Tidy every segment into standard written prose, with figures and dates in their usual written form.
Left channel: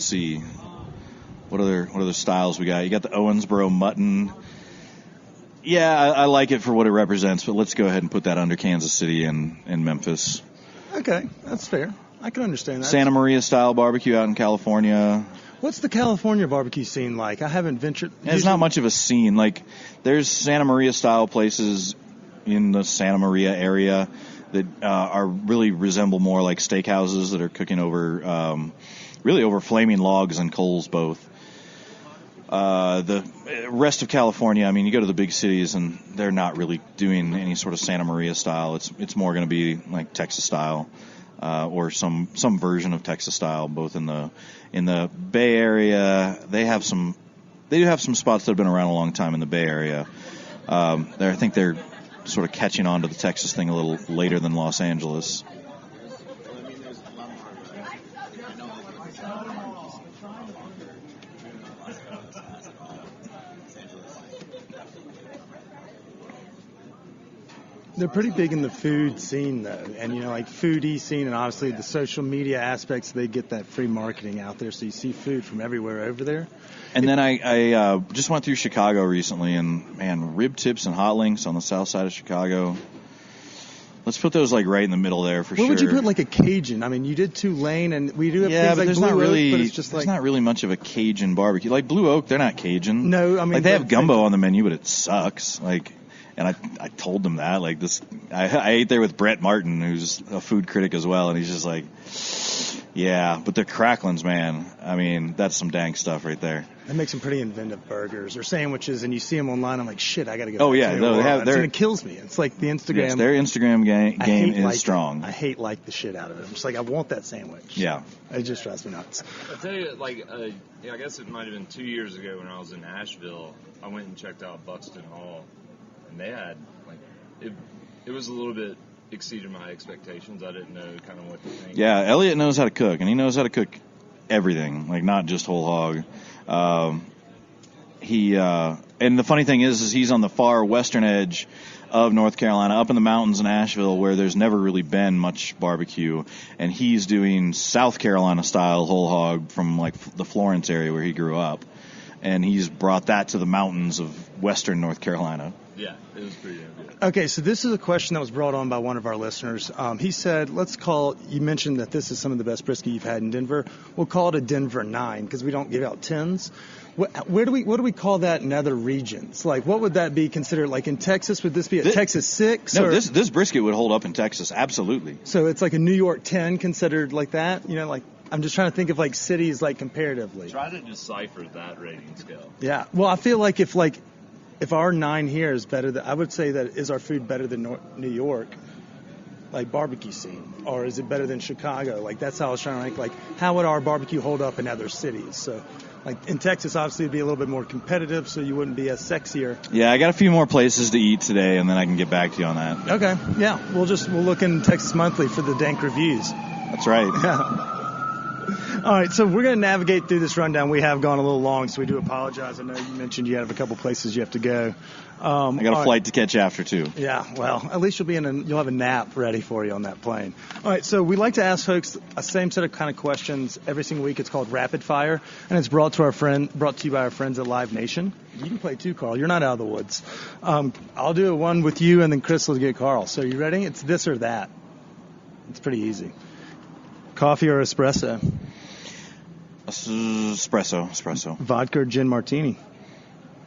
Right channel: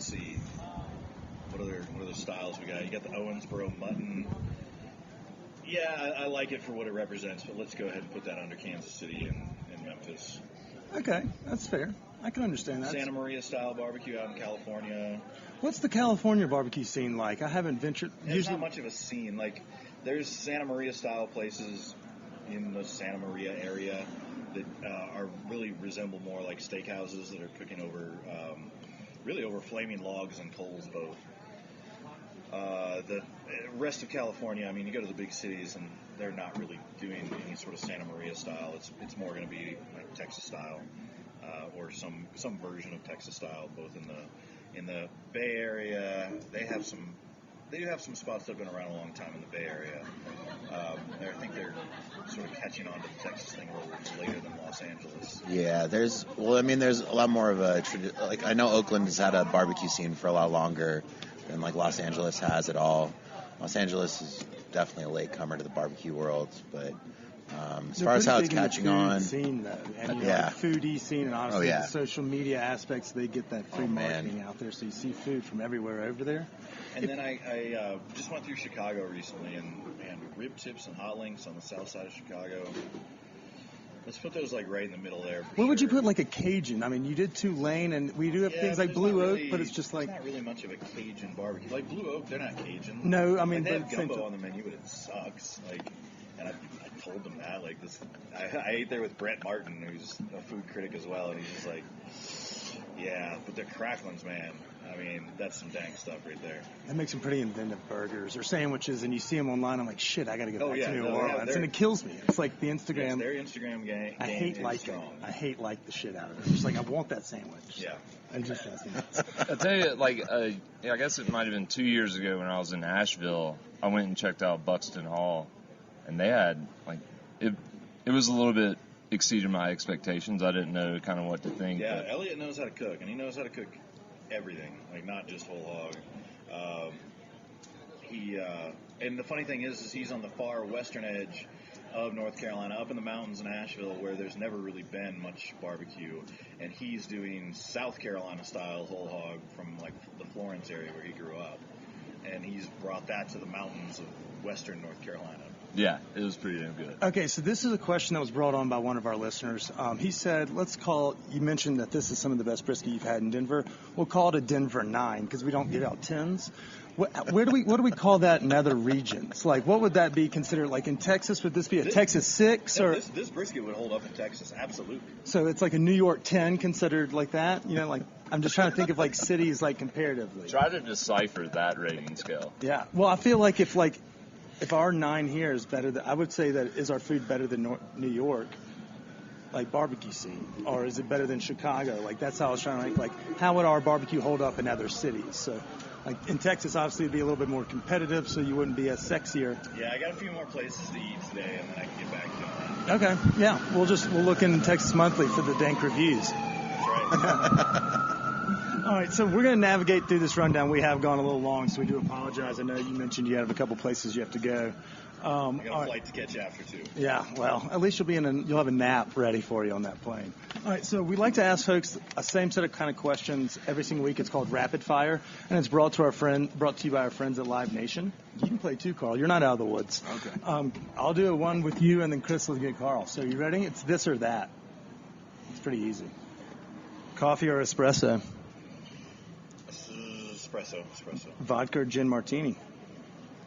let's see. What other styles we got? You got the Owensboro mutton. Yeah, I like it for what it represents, but let's go ahead and put that under Kansas City and Memphis. Okay, that's fair. I can understand that. Santa Maria style barbecue out in California. What's the California barbecue scene like? I haven't ventured. There's not much of a scene. Like, there's Santa Maria style places in the Santa Maria area that are really resemble more like steakhouses that are cooking over flaming logs and coals both. The rest of California, I mean, you go to the big cities and they're not really doing any sort of Santa Maria style. It's more going to be like Texas style, or some version of Texas style. Both in the Bay Area, they do have some spots that have been around a long time in the Bay Area. I think they're sort of catching on to the Texas thing a little later than Los Angeles. Yeah, there's a lot more of a like, I know Oakland has had a barbecue scene for a lot longer. And like Los Angeles has it all. Los Angeles is definitely a latecomer to the barbecue world, but they're pretty big in the food scene though, and like foodie scene, and obviously the social media aspects. They get that free marketing out there, so you see food from everywhere over there. And then I just went through Chicago recently, and man, rib tips and hot links on the south side of Chicago. Let's put those like right in the middle there for sure. Where would you put like a Cajun? I mean, you did Tulane, and we do have things like Blue Oak, but it's just like... There's not really much of a Cajun barbecue. Like Blue Oak, they're not Cajun. No, I mean... Like they have gumbo on the menu, but it sucks. Like, and I told them that. Like this, I ate there with Brett Martin, who's a food critic as well, and he's just like, yeah, but the cracklins, man. I mean, that's some dang stuff right there. They make some pretty inventive burgers or sandwiches, and you see them online. I'm like, shit, I got to go. Oh yeah, and it kills me. It's like the Instagram. Yes, their Instagram game is strong. I hate the shit out of it. I'm just like, I want that sandwich. Yeah, it just drives me nuts. I'll tell you, I guess it might have been 2 years ago when I was in Asheville. I went and checked out Buxton Hall, and they had it was a little bit exceeded my expectations. I didn't know kind of what to think. Yeah, Elliot knows how to cook, and he knows how to cook everything, like not just whole hog. And the funny thing is he's on the far western edge of North Carolina, up in the mountains in Asheville, where there's never really been much barbecue, and he's doing South Carolina style whole hog from like the Florence area where he grew up, and he's brought that to the mountains of western North Carolina. Yeah, it was pretty damn good. Okay, so this is a question that was brought on by one of our listeners. He said, you mentioned that this is some of the best brisket you've had in Denver. We'll call it a Denver 9 because we don't give out 10s. What do we call that in other regions? Like, what would that be considered? Like in Texas, would this be a Texas 6? No, this brisket would hold up in Texas, absolutely. So it's like a New York 10 considered like that? You know, like I'm just trying to think of like cities like comparatively. Try to decipher that rating scale. Yeah. Well, I feel like if our 9 here is better, I would say that is our food better than New York, like barbecue scene, or is it better than Chicago? Like that's how I was trying to rank. Like how would our barbecue hold up in other cities? So. Like in Texas, obviously, it'd be a little bit more competitive, so you wouldn't be as sexier. Yeah, I got a few more places to eat today, and then I can get back to you on that. Okay, yeah, we'll look in Texas Monthly for the dank reviews. That's right. All right, so we're going to navigate through this rundown. We have gone a little long, so we do apologize. I know you mentioned you have a couple places you have to go. I got a flight to catch after, too. Yeah, well, at least you'll have a nap ready for you on that plane. All right, so we like to ask folks a same set of kind of questions every single week. It's called Rapid Fire, and it's brought to you by our friends at Live Nation. You can play too, Carl. You're not out of the woods. I'll do one with you, and then Chris will get Carl. So you ready? It's this or that. It's pretty easy. Coffee or espresso? Espresso. Vodka or gin martini?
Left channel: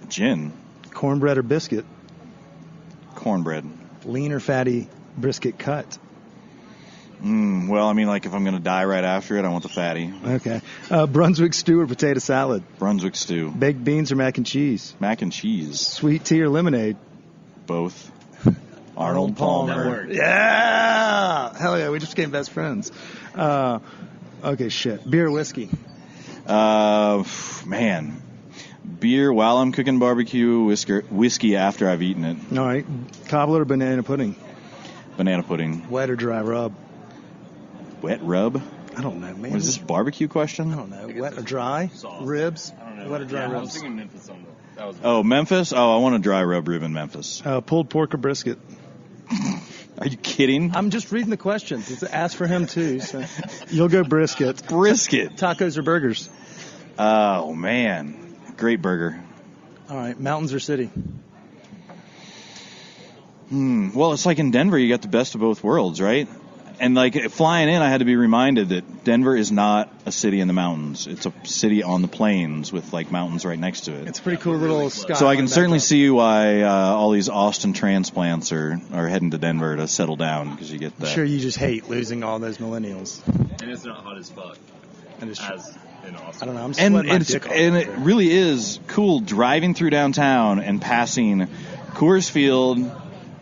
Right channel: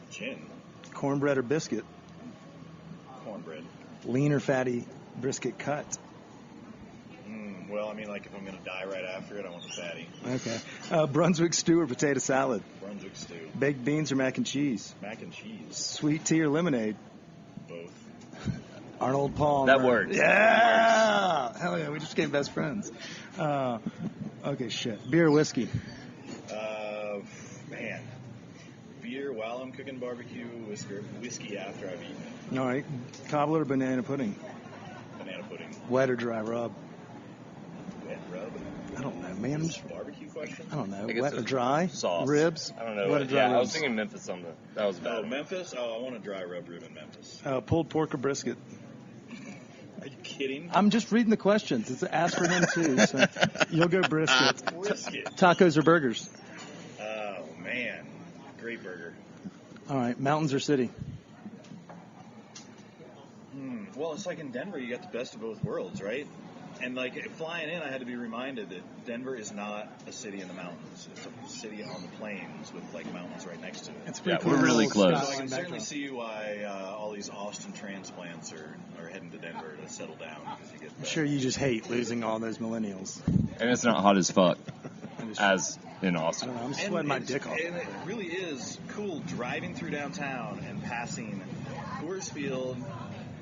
Gin. Cornbread or biscuit? Cornbread. Lean or fatty brisket cut? Well, I mean, like if I'm going to die right after it, I want the fatty. Okay. Brunswick stew or potato salad? Brunswick stew. Baked beans or mac and cheese? Mac and cheese. Sweet tea or lemonade? Both. Arnold Palmer. That worked. Yeah! Hell yeah, we just became best friends. Okay, shit. Beer or whiskey? Man. Beer while I'm cooking barbecue, whiskey after I've eaten it. All right. Cobbler or banana pudding? Banana pudding. Wet or dry rub? Wet rub? I don't know, man. What is this, barbecue question? I don't know. Wet or dry? Sauce. Ribs? I don't know. Wet or dry ribs? I was thinking Memphis on that was. Oh, Memphis? Oh, I want a dry rub rib in Memphis. Pulled pork or brisket? Are you kidding? I'm just reading the questions. It's asked for him, too. So you'll go brisket. Brisket. Tacos or burgers? Oh, man. Great burger. All right, mountains or city? Well, it's like in Denver, you got the best of both worlds, right? And like flying in, I had to be reminded that Denver is not a city in the mountains. It's a city on the plains with like mountains right next to it. It's a pretty cool little skyline. So I can certainly backdrop. see why all these Austin transplants are heading to Denver to settle down because you get that. I'm sure you just hate losing all those millennials. And it's not hot as fuck And it's- as in Austin. I don't know. I'm And, sweating my it's, dick off. and it over there. really is cool driving through downtown and passing Coors Field,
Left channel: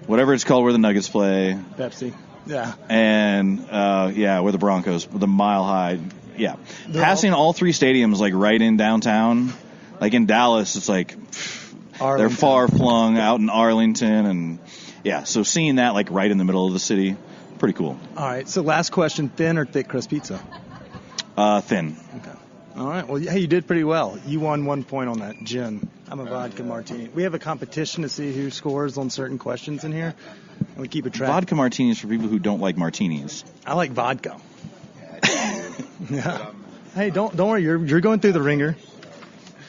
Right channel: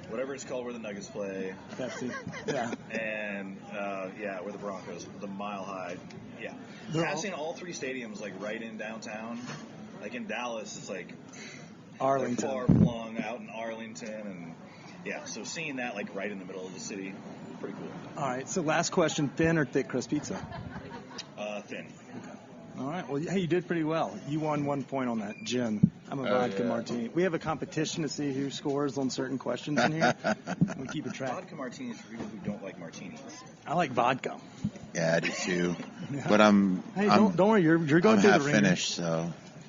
whatever it's called where the Nuggets play, Pepsi. Yeah. and where the Broncos, the Mile High, They're passing all three stadiums like right in downtown. Like in Dallas, it's like Arlington. they're far flung out in Arlington, and so seeing that like right in the middle of the city, pretty cool. All right. So last question: thin or thick crust pizza? Thin. Okay. All right. Well, hey, you did pretty well. You won 1 point on that gin. I'm a vodka martini. We have a competition to see who scores on certain questions in here, and we keep a track. Vodka martinis for people who don't like martinis. I like vodka. Yeah, I do too. Yeah. But Hey, don't worry. You're going through the ringer. Finished, so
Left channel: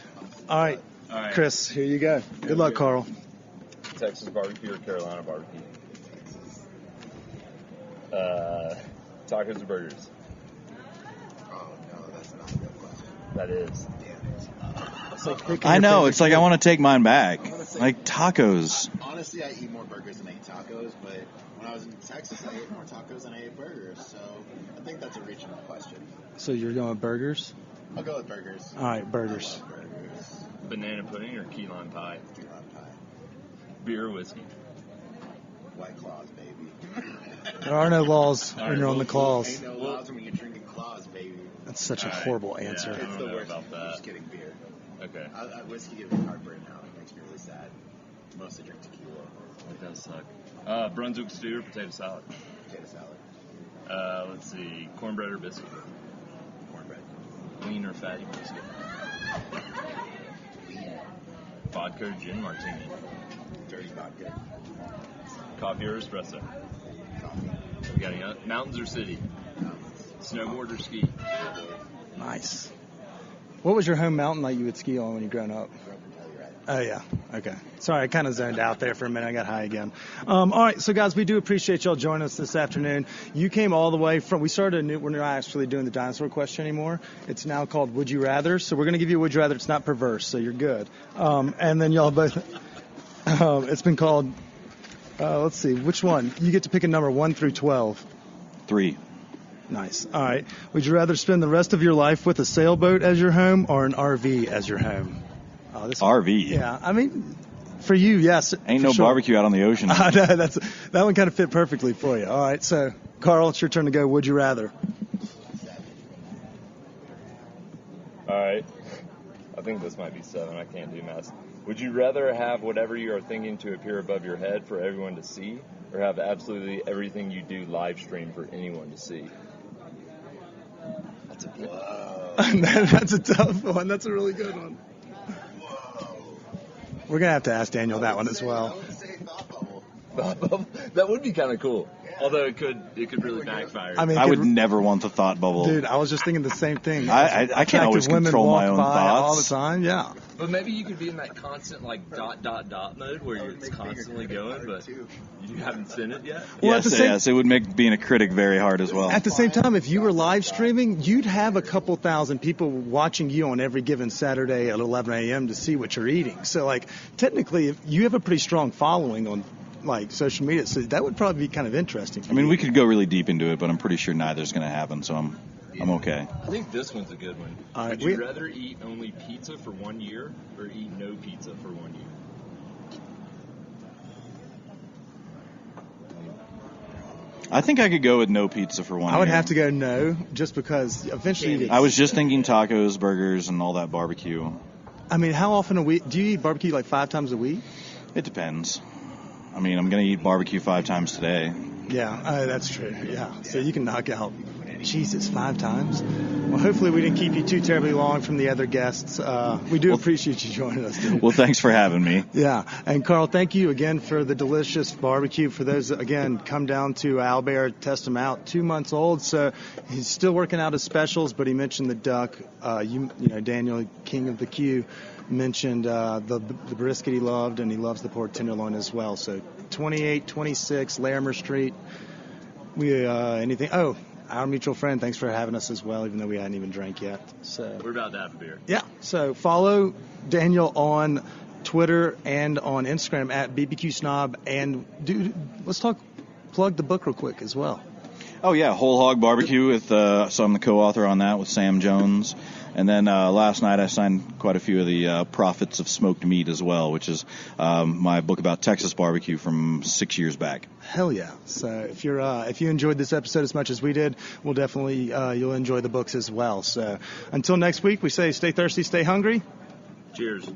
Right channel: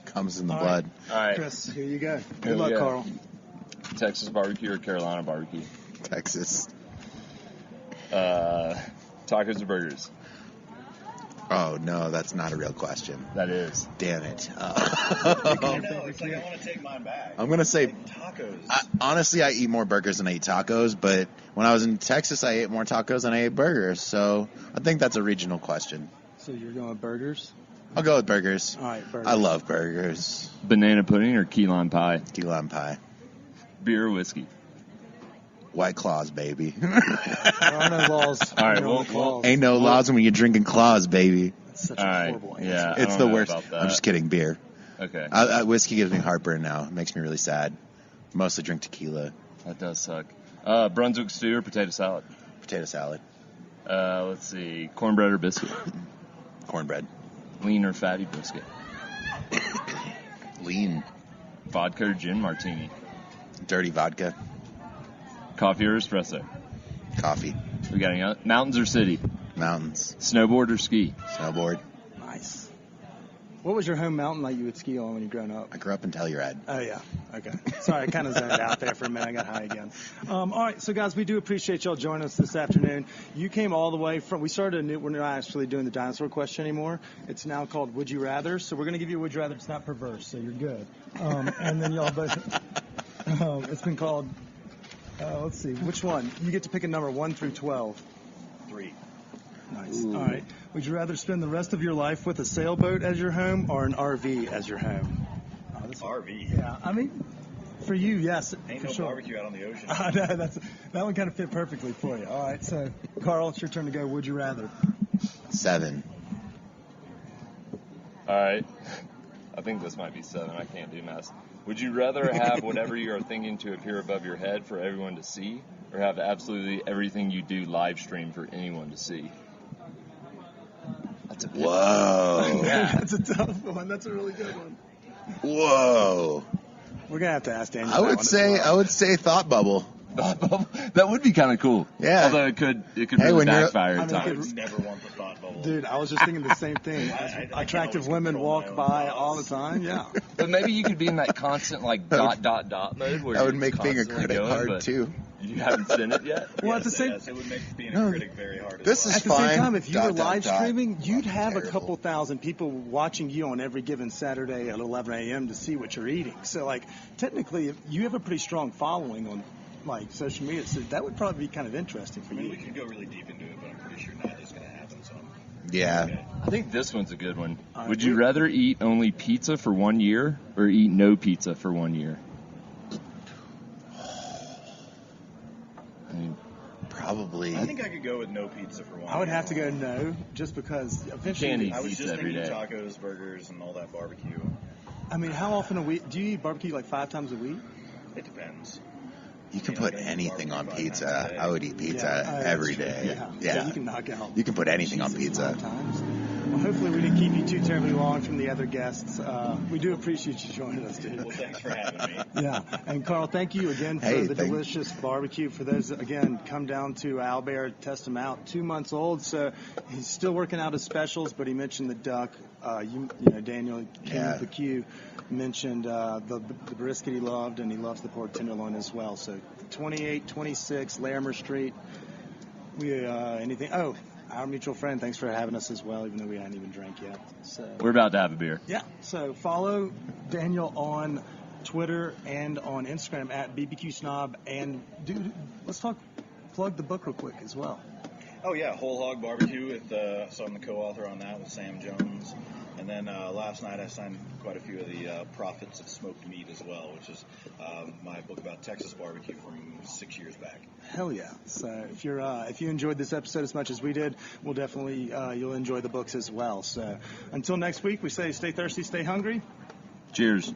it comes in the All blood. right. All right. Chris, here you go. Here Good we luck, go. Carl. Texas barbecue or Carolina barbecue? Texas. Tacos or burgers? Oh no, that's not a real question. That is. Damn it. I know. It's like I want to take mine back. I'm gonna say- like tacos. Honestly, I eat more burgers than I eat tacos, but when I was in Texas, I ate more tacos than I ate burgers. So I think that's a regional question. So you're going with burgers? I'll go with burgers. All right, burgers. I love burgers. Banana pudding or key lime pie? Key lime pie. Beer or whiskey? White claws, baby. There are no laws All when right, you're on well, the claws. Ain't no laws when you're drinking claws, baby. That's such All a right, horrible yeah. answer. I It's don't the know worst. about that. I'm just kidding. Beer. Okay. Whiskey gives me heartburn now. It makes me really sad. Mostly drink tequila. That does suck. Brunswick stew or potato salad? Potato salad. Let's see. Cornbread or biscuit? Cornbread. Lean or fatty brisket? Lean. Vodka or gin martini? Dirty vodka. Coffee or espresso? Coffee. We got any other? Mountains or city? Mountains. Snowboard or ski? Snowboard. Nice. What was your home mountain like you would ski on when you grown up? I grew up in Telluride. Oh, yeah. Okay. Sorry, I kind of zoned out there for a minute. I got high again. All right. So, guys, we do appreciate y'all joining us this afternoon. You came all the way from, we're not actually doing the dinosaur question anymore. It's now called Would You Rather. So we're going to give you a Would You Rather. It's not perverse, so you're good. And then y'all both, it's been called, let's see, which one? You get to pick a number 1 through 12. 3. Nice. All right. Would you rather spend the rest of your life with a sailboat as your home or an RV as your home? Oh, this RV. Yeah. I mean, for you, yes. Ain't for no sure. barbecue out on the ocean. No, that one kind of fit perfectly for you. All right. So, Carl, it's your turn to go. Would you rather? 7. All right. I think this might be 7. I can't do math. Would you rather have whatever you are thinking to appear above your head for everyone to see, or have absolutely everything you do live stream for anyone to see? That's a good Whoa. That's a tough one. That's a really good one. Whoa. We're going to have to ask Daniel that one as well. I would say thought bubble. That would be kind of cool. Yeah. Although it could Hey, really when you're- backfire. I mean, I could- would never want the thought bubble. Dude, I was just thinking the same thing. I can't always Attractive women control my walk own by all the thoughts. time. Yeah. But maybe you could be in that constant like dot mode where That would it's make being a constantly critic going, hard, but too. you haven't seen it yet. Well, yes, at the same- yes, it would make being a critic very hard as This well. is At the same fine. time, if you were Dot, dot, live dot. streaming, you'd have a Terrible. couple thousand people watching you on every given Saturday at 11 a.m. to see what you're eating. So, like, technically, if you have a pretty strong following on, like, social media, so that would probably be kind of interesting. I mean, we could go really deep into it, but I'm pretty sure neither's going to happen, so I'm okay. I think this one's a good one. All right, Would you rather eat only pizza for 1 year or eat no pizza for 1 year? Probably. I think I could go with no pizza for 1 I would year. have to go no, just because eventually. Candy. I was just Every thinking day. tacos, burgers, and all that barbecue. I mean, how often a week? Do you eat barbecue like 5 times a week? It depends. I mean, I'm going to eat barbecue 5 times pizza. today. I would eat pizza that's every true. day. Yeah. So you can knock out. You can put anything on Jesus, pizza. 5 times. Well, hopefully we didn't keep you too terribly long from the other guests. We do appreciate you joining us, dude. Well, thanks for having me. Yeah. And Carl, thank you again for the delicious barbecue. For those, again, come down to Owlbear, test him out. 2 months old, so he's still working out his specials, but he mentioned the duck. You know, Daniel, King of the Q, mentioned the brisket he loved, and he loves the pork tenderloin as well. So 2826 Larimer Street. Our mutual friend, thanks for having us as well, even though we hadn't even drank yet. So We're about to have a beer. yeah. So follow Daniel on Twitter and on Instagram at BBQ Snob. And dude, let's plug the book real quick as well. Oh, yeah, Whole Hog Barbecue with so I'm the co-author on that with Sam Jones. And then last night I signed quite a few of the Prophets of Smoked Meat as well, which is my book about Texas barbecue from 6 years back. Hell yeah. So if you enjoyed this episode as much as we did, we'll definitely you'll enjoy the books as well. So until next week, we say stay thirsty, stay hungry. Cheers.